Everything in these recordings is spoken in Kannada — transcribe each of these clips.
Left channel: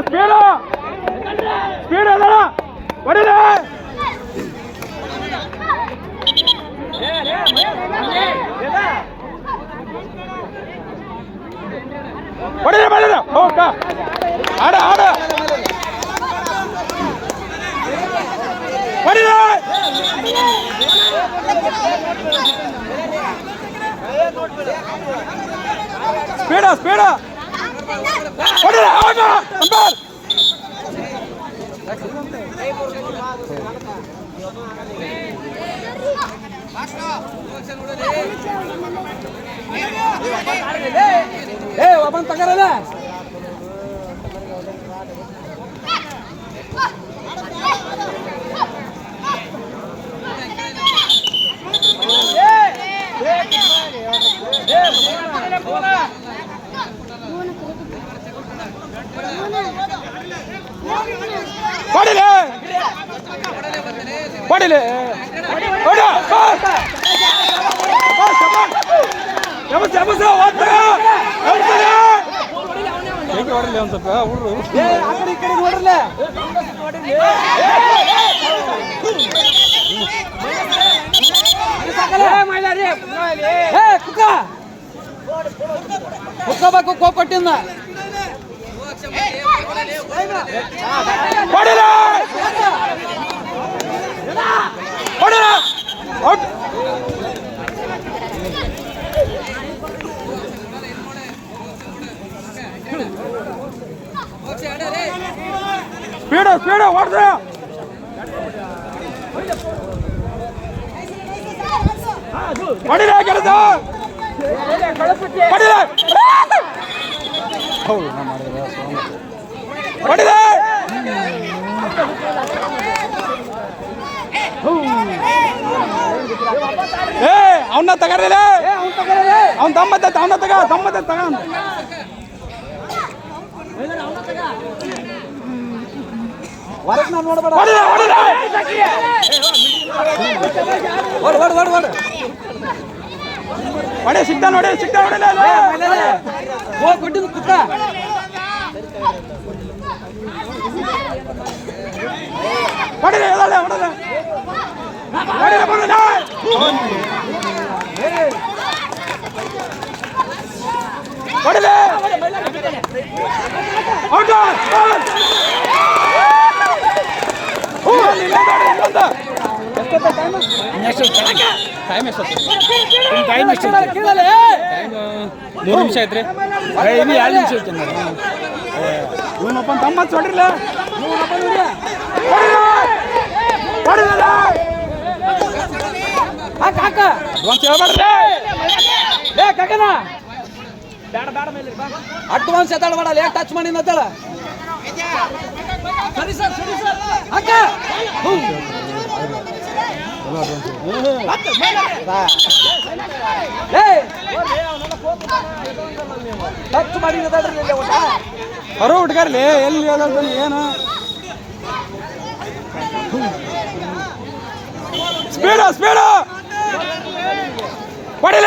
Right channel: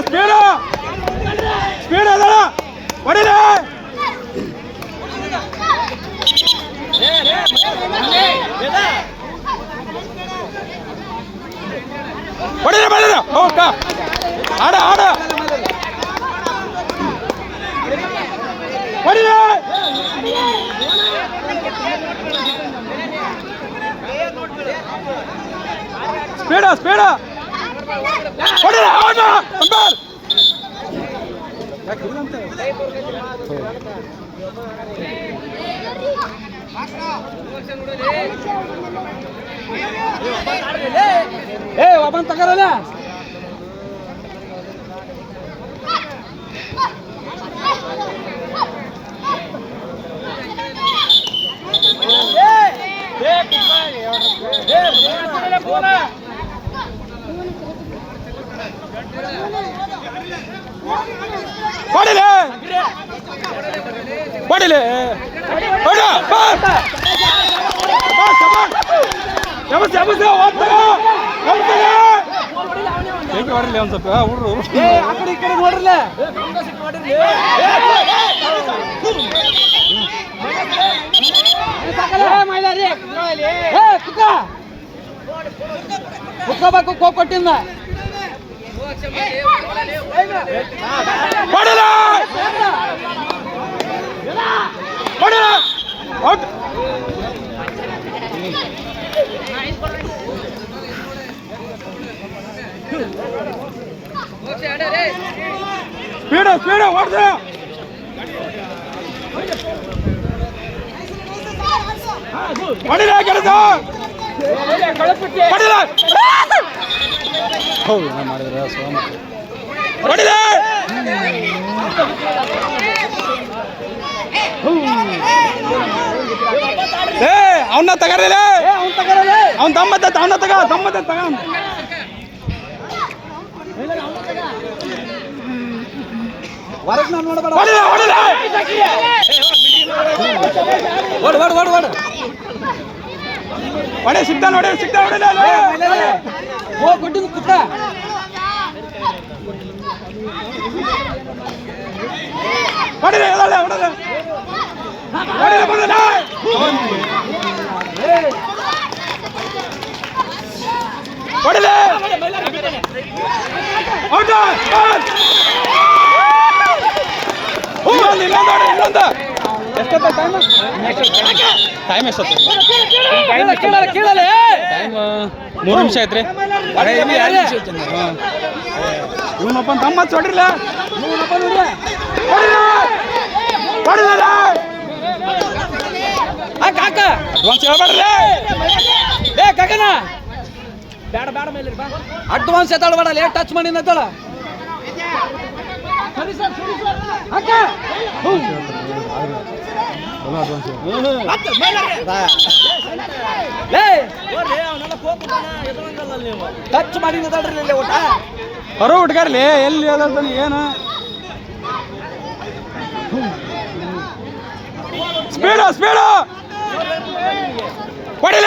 ಸ್ಪೀಡ್ ಅದಳ ಹೊಡಿಲೆ ಹೊಡಿಲೆ ಆಡ ಹೊಡಿಲೆ ಸ್ಪೀಡ ಹೊಡಿಲೆ ಅಂಬರ್ ಒಬ್ಬನ್ ತಗರಲ್ಲ ಹೊಡಿಲೆ ಹೇಗೆ ಹೊಡಿಲಿ ಒಂದು ಸ್ವಲ್ಪ ಹುಡುಗರು ಈ ಕಡೆ ನೋಡ್ರಲ್ಲ ಕುತ್ಕೋಬೇಕು ಕೋಪಟ್ಟಿಂದ ಸ್ಪೀಡ್ ಹೊಡ್ದ ಹೊಡಿಲ ಕೆಲಸ ಹೊಡಿಲ ಅವನ್ನ ತಗರಲ್ಲ ಅವನ್ ತಮ್ಮತ್ತ ತಗ ಹೊಡೆ ಸಿಗ್ತಾ ಕೊಟ್ಟಿದ್ದು ಕುತ್ತ ಹೊಡಿಲೆ ಟೈಮ್ ಎಷ್ಟೊತ್ತು? ಟೈಮ್ 3 ನಿಮಿಷ ಐತ್ರಿ. 2 ನಿಮಿಷ ಐತಿ. ಇವನಪ್ಪ ತಮ್ಮ ಹೊಡಿರ್ಲ ಕಾಕ ಒಂದ್ ಹೇಳ್ಬೇಡ್ರಿ ಕಾಕನ ಬೇಡ ಮೇಲೆ ಅಡ್ವಾನ್ಸ್ ಎತ್ತಾಳ್ಬೇಡ ಟಚ್ ಮಾಡಿ ನತ್ತಾಳ ಸರಿ ಸರ್ ಅಕ್ಕ ಟಚ್ ಮಾಡಿ ನತ್ತಾಳ್ರಿ ಊಟ ಹೊರ ಹುಡ್ಗಾರ್ಲಿ ಎಲ್ಲಿ ಏನು ಸ್ಪೀಡ್ ಹೊಡಿಲ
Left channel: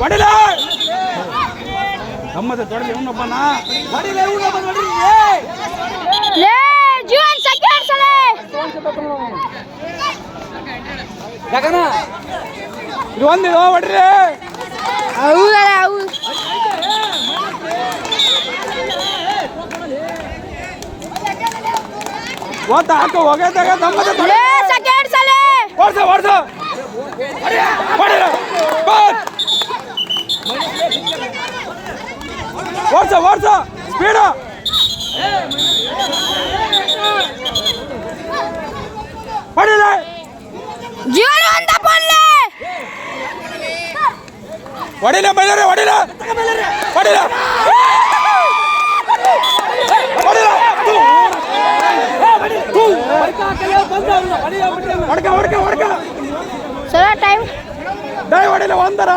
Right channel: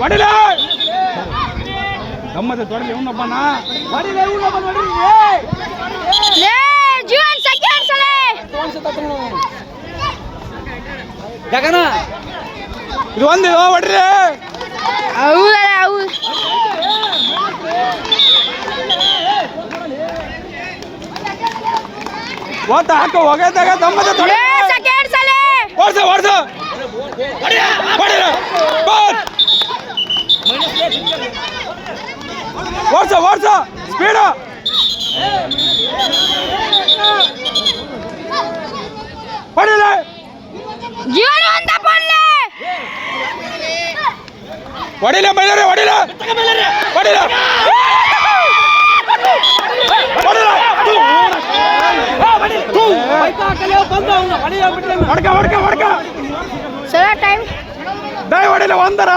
ಹೊಡಿಲ ಗಮ್ಮತ್ತ ತೊಡಲಿ ಇವನೊಬ್ಬನ ಗಗನ ಇದು ಒಂದು ಹೊಡ್ರಿ ಓತ ಹಾಕ ಹೋಗದಾಗ ಓಡ್ಸ ಸ್ಪೀಡ್ ಹೊಡಿಲ ಜೀವನ ಅಂತ ಬರಲಿ ಹೊಡಿಲ ಬೈಲರೆ ಹೊಡಿಲ ಹೊಡ್ಕ ಸರ ಟೈಮ್ ಹೊಡಿಲ ಒಂದರ